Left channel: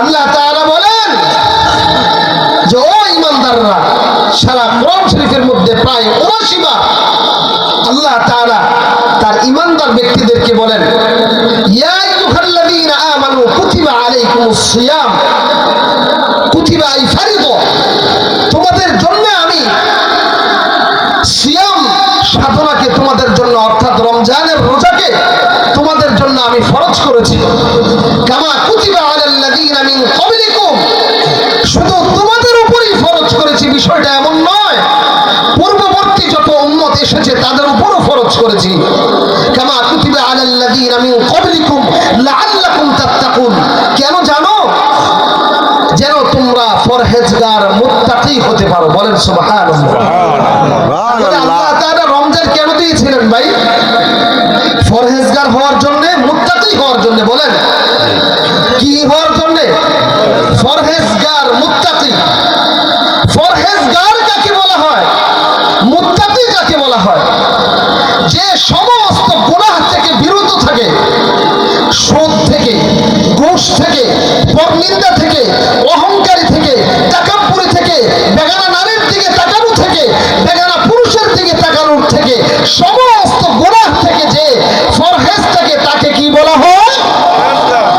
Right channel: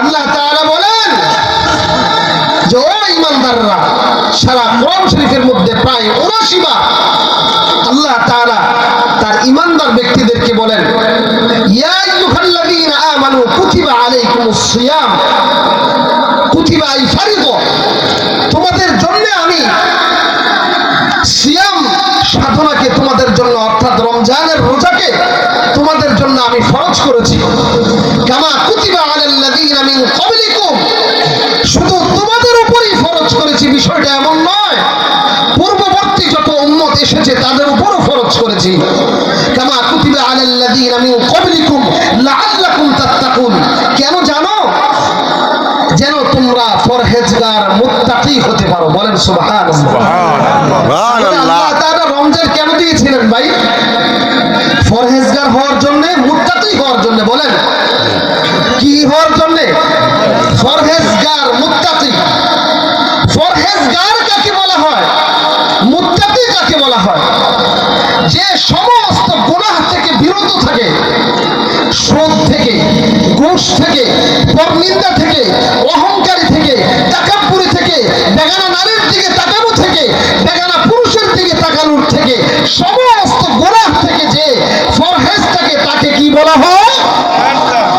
আল্লাহ তাআলা বলেন যে ও ঈমানদাররা, সারা কোরআন শরীফের মধ্যে প্রায় ৭৯ বার আল্লাহ তাআলা তার ঈমানদার ব্যক্তিদেরকে বলেন, ইয়া আইয়ুহাল্লাযীনা আমানু কুতিবা আলাইকুমুস সিয়াম কুতিবা আই ফারিদা, তোমাদের জন্য আমি সিয়াম সাধনাকে তোমাদের জন্য অর্থাৎ রমজানের রোজাকে তোমাদের জন্য আমি ফরজ করেছি। কামা কুতিবা আলাল্লাযীনা মিন ক্বাবলিকুম, শুধু তোমাদের উপরই ফরজ করেছি বিষয়টা এমন নয়, পূর্ববর্তী যত উম্মত এসেছে তাদের উপরও ফরজ করেছি। কামা কুতিবা আলাল্লাযীনা মিন ক্বাবলিকুম লাআল্লাকুম তাত্তাকুন, কেন জানো? যেন তোমরা পরহেজগার মুত্তাকি হতে পারো। বলেন সুবহানাল্লাহ। সুবহানাল্লাহ। আল্লাহ তাআলা রমজান কেন দিয়েছিলেন ভাই? পরহেজগার হওয়ার জন্য, মুত্তাকি হওয়ার জন্য। বলেন কি হওয়ার জন্য? পরহেজগার মুত্তাকি। পরহেজগার কাকে বলা হয়? মুত্তাকি কাকে বলা হয়? যে সমস্ত গুনাহ থেকে বিরত থাকে, সুদ থেকে, ঘুষ থেকে, পরনিন্দা থেকে, অহংকারী থেকে, তাকাব্বুরি থেকে, বেগানা নারীর দিকে তাকানো থেকে, বেগানা পুরুষের দিকে তাকানোর থেকে, সমস্ত গুনাহ থেকে যে পরহেজ থাকে তাকে কি বলা হয়?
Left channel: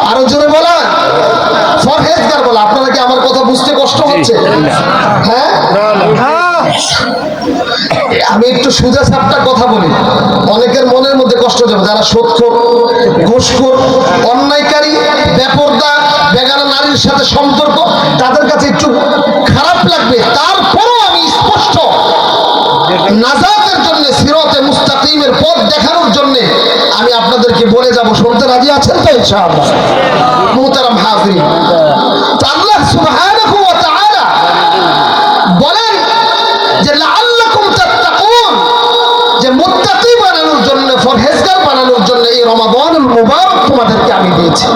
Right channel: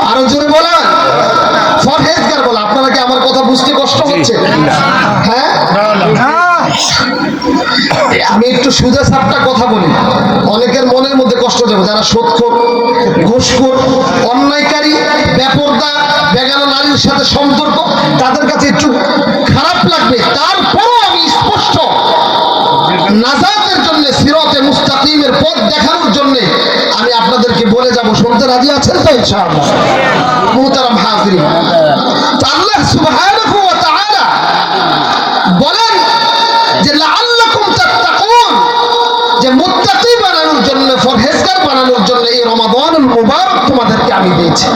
আরো জোরে বলেন। পরহেজগার বলা। আপনারা কি আমার কথা বুঝতে কষ্ট হচ্ছে? হ্যাঁ, আমি একটু সুদে সাপটা কথা বলি, অনেকের মনের মধ্যে কষ্ট যাবে। যারা সুদখোর, ঘুষখোর, অন্যায়কারী, বেপরদা, বেগানা নারীর সাথে সম্পর্ক, তাদের কাছে একটু খারাপ লাগবে। তারপরও আমি স্পষ্ট নাজাতের জন্য, সিরাতে মুস্তাকিমের পথ দেখানোর জন্য আমি আপনাদেরকে বলে যাব। শুনতে রাজি আছেন তো ইনশাআল্লাহ? মুহতারাম হাজিরিন, আল্লাহ সুবহানাহু ওয়া তাআলা বলেন যে লাআল্লাকুম তাত্তাকুন, যে মুত্তাকি বানানোর জন্য, পরহেজগার বানানোর জন্য এই রমাদানুল মুবারক তোমাদেরকে আমি দিয়েছি।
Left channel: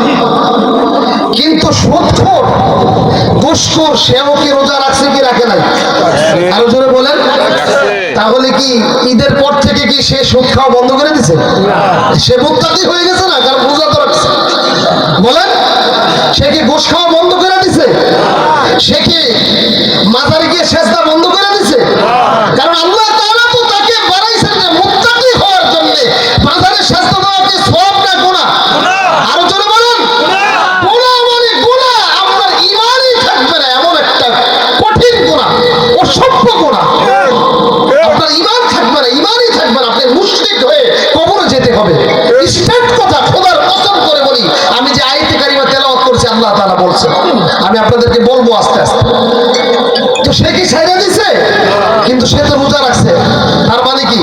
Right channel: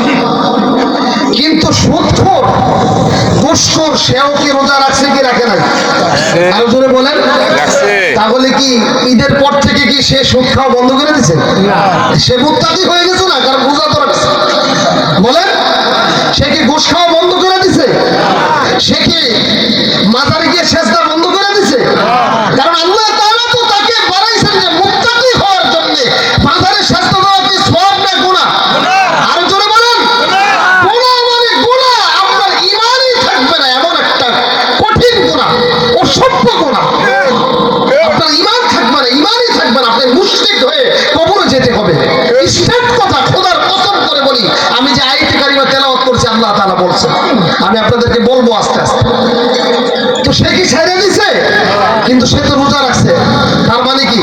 কিন্তু সুদখোর, ঘুষখোর, সেও কি রোজা রাখছে কি রাখে নাই? আরো জোরে বলেন। তাহলে কি ঈদের পর থেকে কি সে সুদ খাওয়া বন্ধ করে দিয়েছে? সে মুত্তাকি হয়ে গেছে না, কারণ রোজা তো রাখছে। বলেন, সে কি ঘুষ খাওয়া বন্ধ করে দিছে? সে কি মাজারে গিয়ে সেজদা বন্ধ করে দিছে? কারণ আল্লাহ তাআলা তো তাকে বানাইছেন যে মুত্তাকি হওয়ার জন্য। মাজারে সেজদা দেওয়া কি সওয়াব না গুনাহ? আরো জোরে বলেন। গুনাহ মানে গুনাহ, আপনার ঈমানই থাকবে না, এমন একটা কঠিন গুনাহ, অসভ্য গুনাহ। আপনার ঈমান থাকবে না, ঈমানই থাকবে না, আপনি মুশরিক হয়ে কবরে যেতে হবে। স্ট্রেট কথা, খোদার কসম করে বলি, আমি যে আয়াতে কারিমা তেলাওয়াত করছি আল্লাহ তাআলা বলছেন, আমি আপনাদেরকে বলবো আস্তে আস্তে। তো সে কি ছেড়ে দিছে? কিন্তু সে তো রোজা রাখছে। তার মানে কি?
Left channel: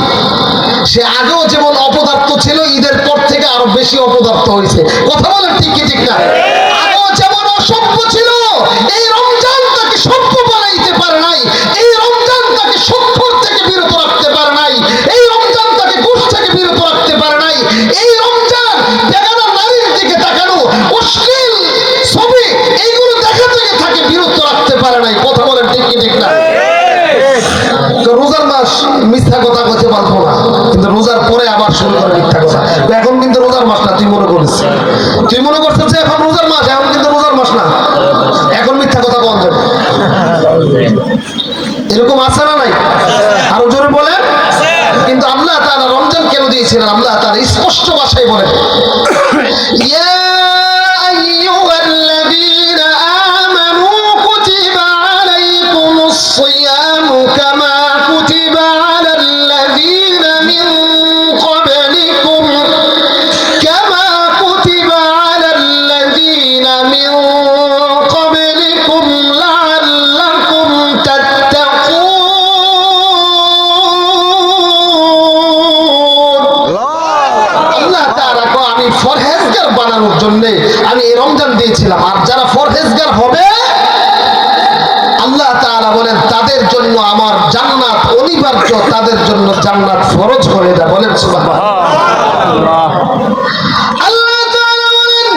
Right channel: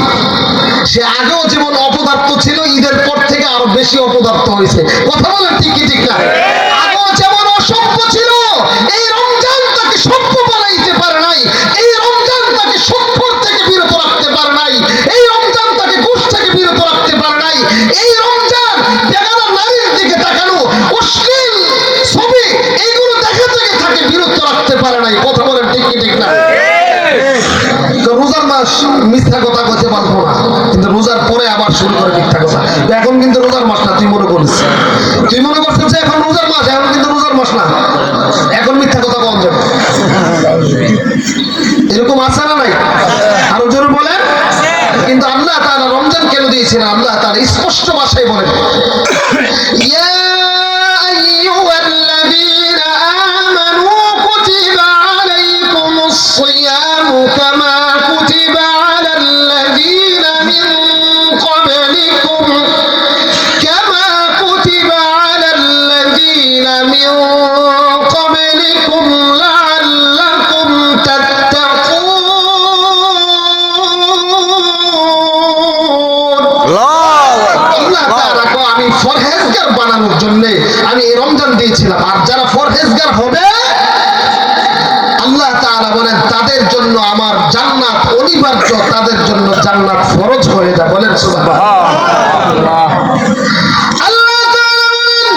সে আগেও যেমন অপদার্থ ছিল, ঈদের পর থেকে আরো বেশি অপদার্থ হয়েছে। কথা বলেন ঠিক কি ঠিক না? আগেও যেমন অসভ্য ছিল, এই রমজান তাকে সভ্য বানাইতে পারে নাই। এই রমজান তাকে সুদখোর থেকে বিরত রাখতে পারে নাই। এই রমজান তাকে ঘুষ থেকে বিরত রাখতে পারে নাই। এই রমজান বেগানা নারীর দিকে তাকানো, অশ্লীল ছবি, এইগুলো দেখা থেকে তাকে বিরত রাখতে পারে নাই। কথা বলেন ঠিক কি ঠিক না? তো রোজার মাস মিথ্যা কথা বলতে পারবো না, কিন্তু রোজার পরে আবার শুরু করে মিথ্যা কথা। এখন কিন্তু রোজার মাস না, তুই মনে করিস, তুই মনে করছিস যে এখন রোজার মাস, এখন কিন্তু রোজার মাস না, এখন মিথ্যা কথা বন্ধ। এরকম আছে না নাই? আরো জোরে বলেন। কিন্তু আল্লাহ তাআলা রমজান কেন দিয়েছেন? আল্লাহ তাআলা স্পষ্ট ভাষায় বলেন, ইয়া আইয়ুহাল্লাযীনা আমানু কুতিবা আলাইকুমুস সিয়ামু কামা কুতিবা আলাল্লাযীনা মিন ক্বাবলিকুম কামা কুতিবা আলাল্লাযীনা মিন ক্বাবলিকুম লাআল্লাকুম তাত্তাকুন। আল্লাহ তাআলা কো আমি পরহেজগার বানানোর জন্য আমি এই রমজান দিয়েছিলাম। আর যারা পরহেজগার হবে, আল্লাহ তাআলা বলেন তাদের জন্য আমার জান্নাত অনিবার্য, তাদের জন্য জান্নাত ফরজ হয়ে যায়। বলেন সুবহানাল্লাহ। আল্লাহ তাআলা বলেন,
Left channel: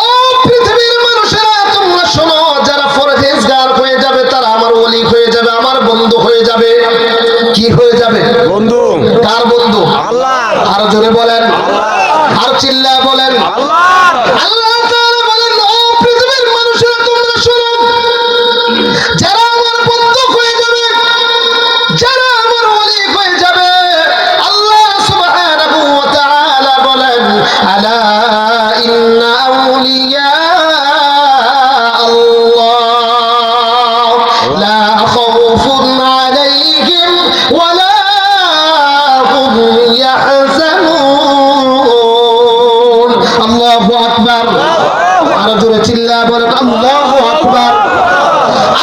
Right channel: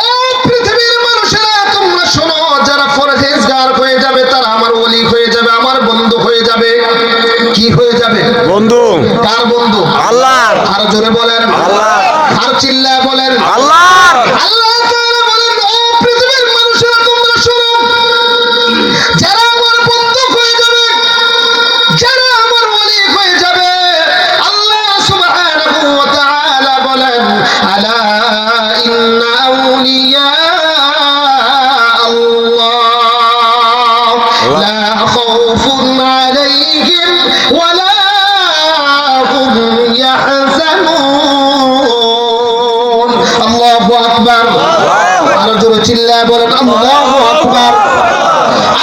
ও পৃথিবীর মানুষেরা তোমরা শোনো, যারা পরহেজগার হয়ে যাবে তারা আমার ওলি হয়ে যাবে, আমার বন্ধু হয়ে যাবে। কি হয়ে যাবে? বন্ধু। কার বন্ধু? আল্লাহ। আরো জোরে বলেন আল্লাহ। আর চিল্লায় বলেন আল্লাহ। আল্লাহ তাআলা আরো জোরে চিল্লায় বলেন আল্লাহু আকবার।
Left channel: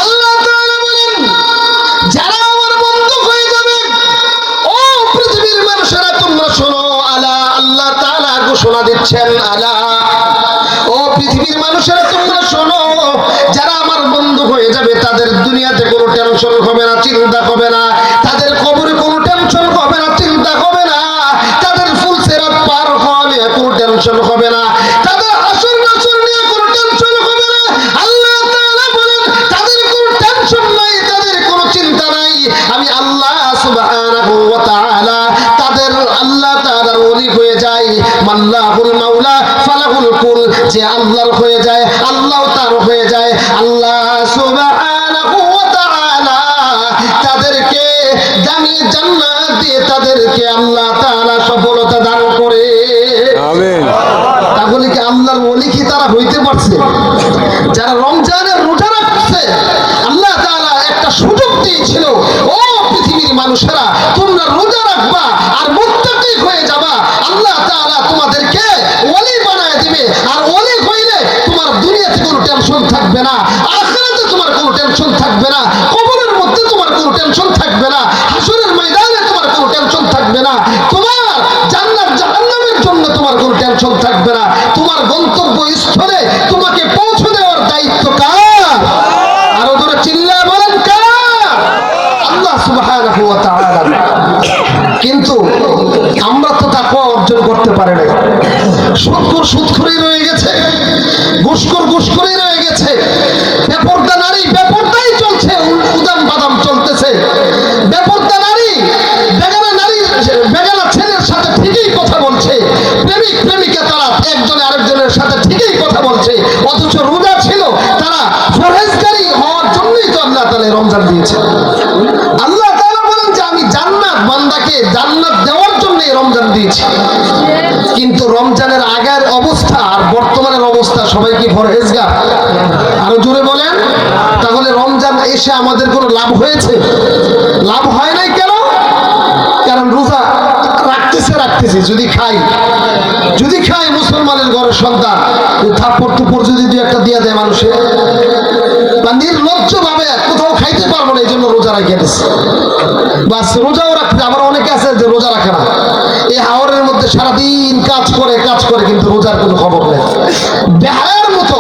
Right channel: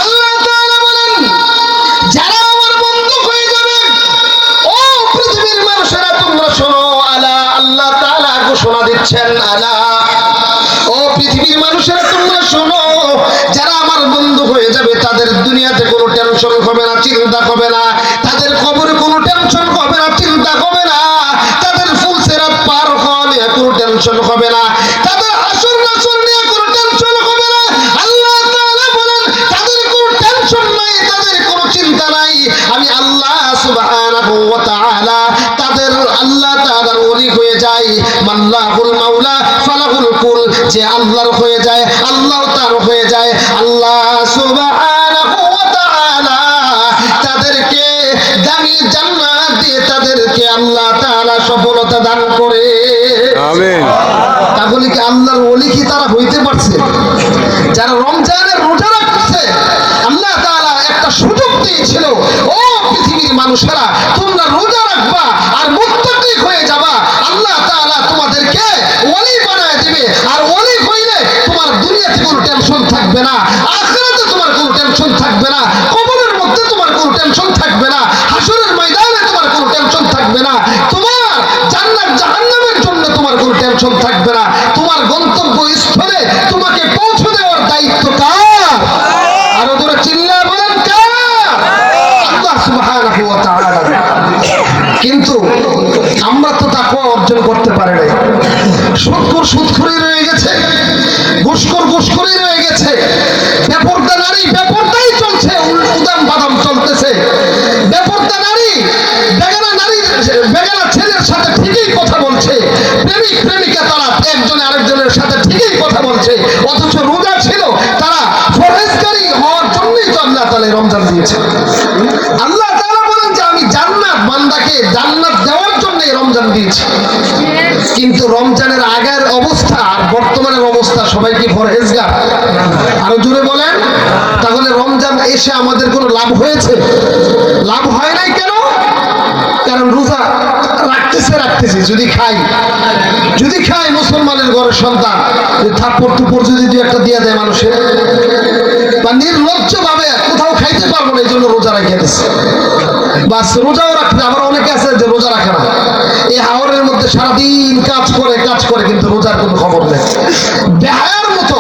আল্লাহ তাআলা বলেন যারা আমার বন্ধু হয়ে যাবে, ও পৃথিবীর মানুষেরা তোমরা শোনো, আলা, আল্লাহ তাআলা ঘোষণা দিচ্ছেন, আলা, ও পৃথিবীর মানুষেরা তোমরা শোনো, যারা আমার বন্ধু হয়ে যাবে তাদের দুনিয়াতে কোনো টেনশন হবে না, চিন্তা হবে না, তাদের কবরে কোনো টেনশন হবে না, চিন্তা হবে না, তাদের ফুলসিরাত পার হওয়া নিয়ে কোনো টেনশন হবে না, তাদের হাসর নাসর নিয়ে কোনো টেনশন হবে না। আল্লাহ তাআলা বলেন তাদের কোনো টেনশন নাই, তাদের কোনো চিন্তা নাই। আমি আল্লাহ সুবহানাহু ওয়া তাআলা তাদের আল্লাহ তাআলার ওলি হয়ে যায়। মাল্লাহুল মাওলা ফালাহুল কুল, যে আল্লাহর হয়ে যায় আল্লাহ তার হয়ে যায়। আল্লাহ সুবহানাহু ওয়া তাআলা তাদেরকে দামি জান্নাত দিয়ে তাদেরকে আল্লাহ তাআলা সফলতা দান করে। আমিন। তাহলে কি আল্লাহর ওলি কি তারা হইতে পারছে? যারা রমজানের রোজা রাখছে, আল্লাহ তাআলা একটা সুযোগ দিয়েছিল, ও পৃথিবীর মানুষেরা তোমরা রোজা রাখবা আর মুত্তাকি হয়ে যাবা, আল্লাহ তাআলা তোমাদেরকে ওলি বানায় দিবে। আর ওলি হইলে তোমার দুনিয়াতে কোনো টেনশন থাকবে না, আখিরাতে তোমার কোনো টেনশন থাকবে না, কবরের মধ্যে তোমার কোনো টেনশন থাকবে না, হাসরের ময়দানে তোমার কোনো টেনশন থাকবে না, তোমার জান্নাত জাহান্নামের জন্য তোমার কোনো টেনশন থাকবে না। তোমার গন্তব্য স্থলে তোমাকে পৌঁছে দেওয়ার দায়িত্ব কার? আরো জোরে চিল্লায় বলেন কার? আল্লাহ সুবহানাহু ওয়া তাআলা। কিন্তু আমরা তো তাকওয়া অর্জন করতে পারি না। সুদখোর সুদখোরই রয়ে গেছে, ঘুষখোর ঘুষখোরই রয়ে গেছে, বেপরদা নারী বেপরদাই চলছে, উদাম বাদাম চলতেছে। বেপরদা নারী বেগানা ছেলের সাথে ঠিকই কথা বলছে, প্রেমিক প্রেমিকা তারা একজনে আরেকজনের সাথে ঠিকই কথা বলছে, অথচ রোজা ছিল তারা পরহেজগারী হওয়ার জন্যই তো আল্লাহ তাআলা রমজান দিয়েছে। আল্লাহ তাআলা বলেন যে আমি জান্নাত, বান্দাকে জান্নাত দেওয়ার জন্য রমজান দিয়েছি। কিন্তু রমজানের আগের অবস্থা আর বর্তমানের অবস্থা, সবাই কি পরহেজগার? আরো জোরে বলেন। তাহলে রমজান এসে আমাদের কোনো লাভ হয়েছে? লাভ হয় নাই। কেন? কারণ রোজা রাখতেছি, যদি খাই মুসলমানের ঘরের সন্তান, থাপ্পড় টুপ্পড় যদি দু একটা দিয়ে দেয় মানুষের, বা নির্লজ্জ ভাবে কোথাও খাইতে পারবো না, এই জন্য রোজা রাখিয়ে দিচ্ছে। বাস রোজাও রাখতে, আবার অনেকে আছে যে রোজা রাখে না, এই হাওরের মধ্যে সারাদিন কাজ করে কিন্তু রোজার কোনো খবর নেই, বেহায়ার মতো।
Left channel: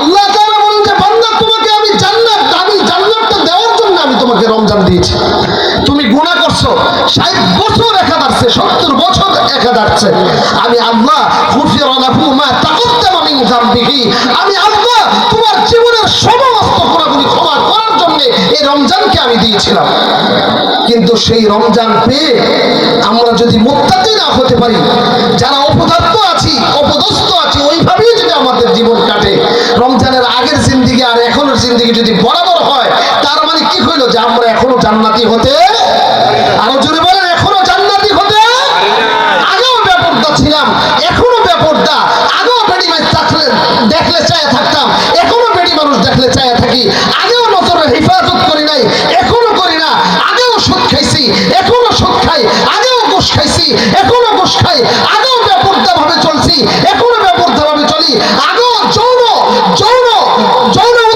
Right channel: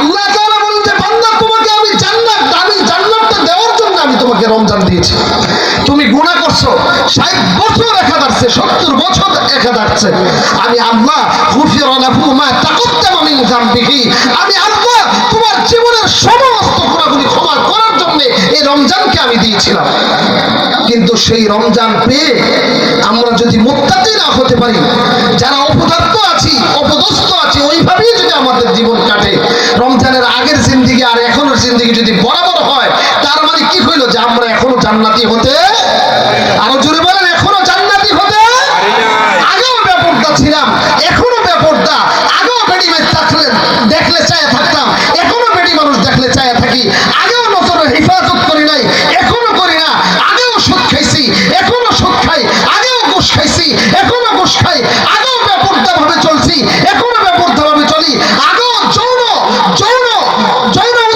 আল্লাহ তাআলা বলেন যে বান্দা তোমাকে আমি জান্নাতটা দেওয়ার জন্য আমি তোমাকে রমজান দিয়েছি। তুমি গুনাহ করছো, 60 বছর একা দাঁড়ছে, 70 বছর একা দাঁড়ছে, আমি আল্লাহ গুফিরা লাহু মা তাকদ্দামা মিন যামবিহি, আমি আল্লাহ তোমার জীবনের সমস্ত গুনাহগুলি ক্ষমা করার জন্য এই রমজানকে আমি দিয়েছিলাম। কিন্তু সেই রমজান পেয়ে আমরা যদি মুত্তাকি না হতে পারি, যারা অপদার্থ আছি, অপদস্থ আছি, ওইভাবেই যদি আমাদের জীবন কাটে, রমজানের আগের জিন্দেগি আর এখনের জিন্দেগি যদি বরাবর হয়, তার মানে কি হইল? যে আমরা এখনো জান্নাতি হতে, আরো জোরে বলেন, এখনো জান্নাতি হতে, আগেও বেপরদা ছিলাম, এখনো বেপরদা, আগেও বেডি মাইজ দেখলে চায়া থাকতাম, এখনো বেডি মানুষ দেখলে চায়া থাকি, আগেও নজরের হেফাজত করি নাই, এখনো করি না, আগেও সুদ খাইছি, এখনো সুদ খাই, আগেও ঘুষ খাইছি, এখনো ঘুষ খাই, আগেও বেপরদা ভাবে চলছি, এখনো বেপরদা ভাবে চলি, আগেও যৌন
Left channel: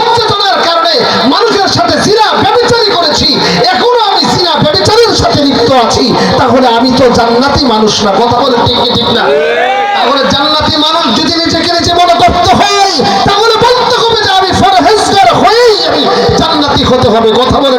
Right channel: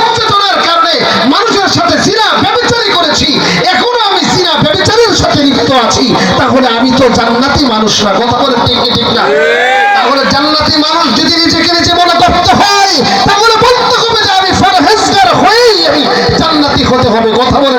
উত্তেজনার কারণে মানুষের সাথে জিনা ব্যভিচারী করেছি, এখনো আমি জিনা ব্যভিচারীর সাথে লিপ্ত আছি। তাহলে আমি তো জান্নাতি মানুষ না? কথা বলে ঠিক না? তাহলে জান্নাতি মানুষ যদি নিজেকে নিজে মনে করতে হয়, তাহলে বলতে হবে যে আমি পরহেজগার হয়েই আমি জান্নাতি হতে হবে। কথা বলে